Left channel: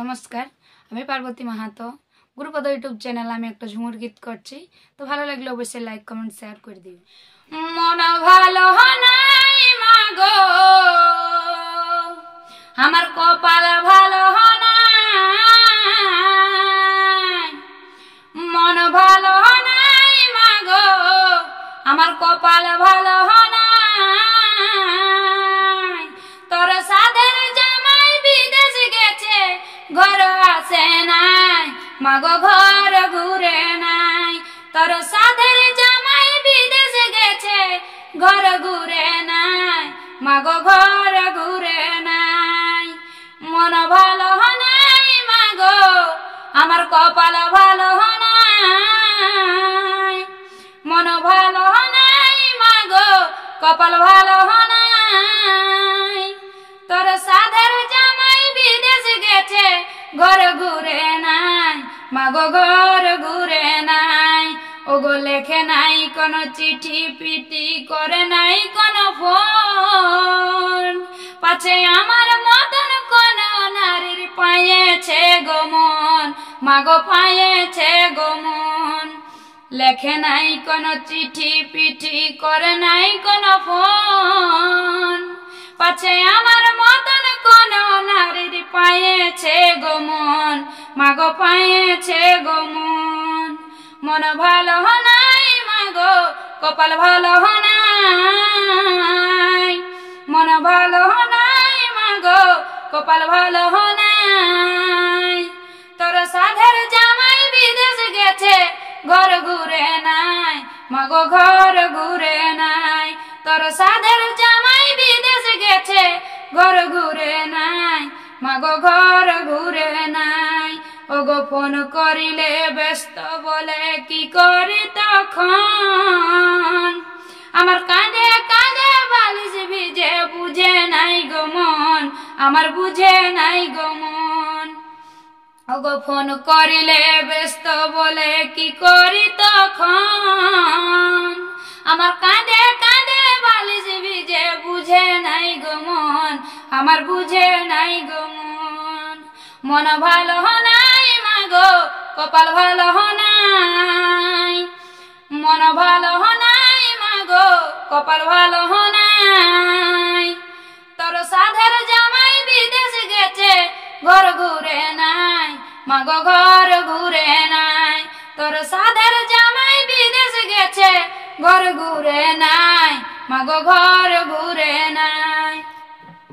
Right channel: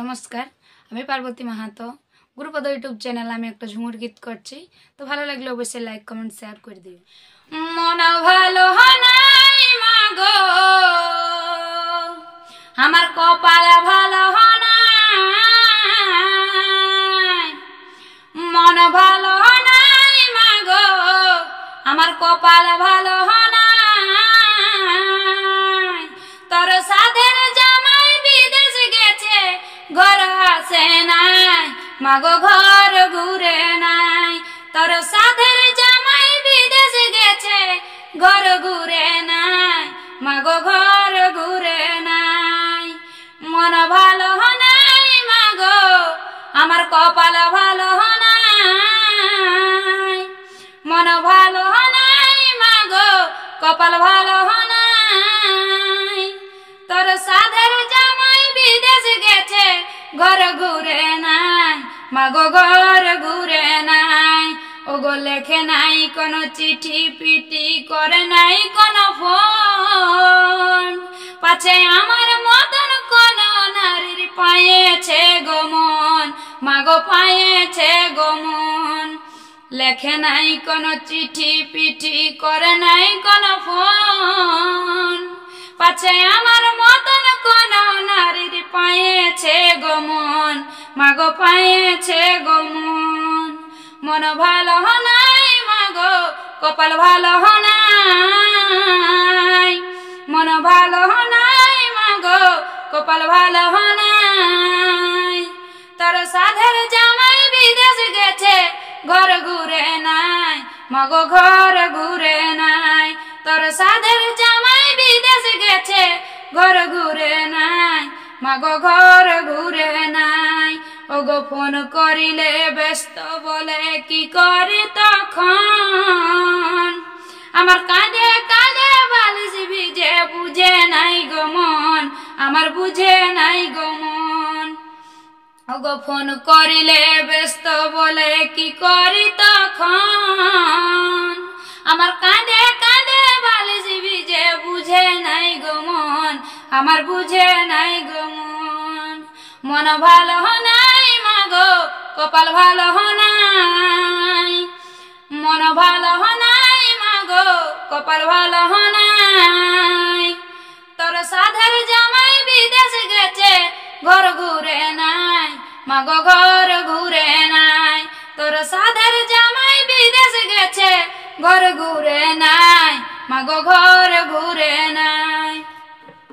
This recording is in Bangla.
নমস্কার, আমি পার্বতী মাহাতো। গুরুপদ ইউটিউব চ্যানেল আমি একটা ঝুমুর গীত করছি, তো ভালো লাগলে অবশ্যই লাইক কমেন্ট শেয়ার করে দিও। মন ভালো নাই মাগো, আমার কপাল ভালো নাই। মন ভালো নাই মাগো, আমার কপাল ভালো নাই। তোর সাধের জামাই বিদেশ গেছে, ঘর আসে নাই মাগো, ঘর ঘুরে নাই। তোর সাধের জামাই বিদেশ গেছে, ঘর ঘুরে নাই মাগো, ঘর ঘুরে নাই। মন ভালো নাই মাগো, আমার কপাল ভালো নাই। মন ভালো নাই মাগো, কপাল ভালো নাই। তোর সাধের জামাই বিদেশ গেছে, ঘর ঘুরে নাই মাগো, ঘর ঘুরে নাই। ওগো লেখে নাই কোনো চিঠি পিটি, করে নাই কোনো ফোন। পাছে আমার মতন কোন নারীর পায়েছে গো মন, মাগো পায়েছে গো মন। লেখে নাই কোনো চিঠি পিঠি, করে নাই কোনো ফোন। পাছে আমার মতন কোন নারীর পায়েছে গো মন, মাগো পায়েছে গো মন। মন ভালো নাই মাগো, কপাল ভালো নাই। মন ভালো নাই মাগো, কপাল ভালো নাই। তোর সাধের জামাই বিদেশ গেছে, ঘর ঘুরে নাই মাগো, ঘর ঘুরে নাই। তোর সাধের জামাই বিদেশ গেছে, ঘর ঘুরে নাই মাগো, ঘর ঘুরে নাই। ওগো ফোন করিলে ব্যস্ত বলে, কি করি তখন? আমার কাঁধে কাঁধে বালিশ ভিজে, বুঝে নাই গো মন, আমার বুঝে নাই গো মন। ওগো ফোন করিলে ব্যস্ত বলে, কি করি তখন? আমার কাঁধে কাঁধে বালিশ ভিজে, বুঝে নাই গো মন, আমার বুঝে নাই গো মন। মন ভালো নাই মাগো, কপাল ভালো নাই। মন ভালো নাই মাগো, কপাল ভালো নাই। তোর সাধের জামাই বিদেশ গেছে, ঘর ঘুরে নাই মাগো, ঘর ঘুরে নাই। তোর সাধের জামাই বিদেশ গেছে, ঘর ঘুরে নাই মাগো, ঘর ঘুরে নাই।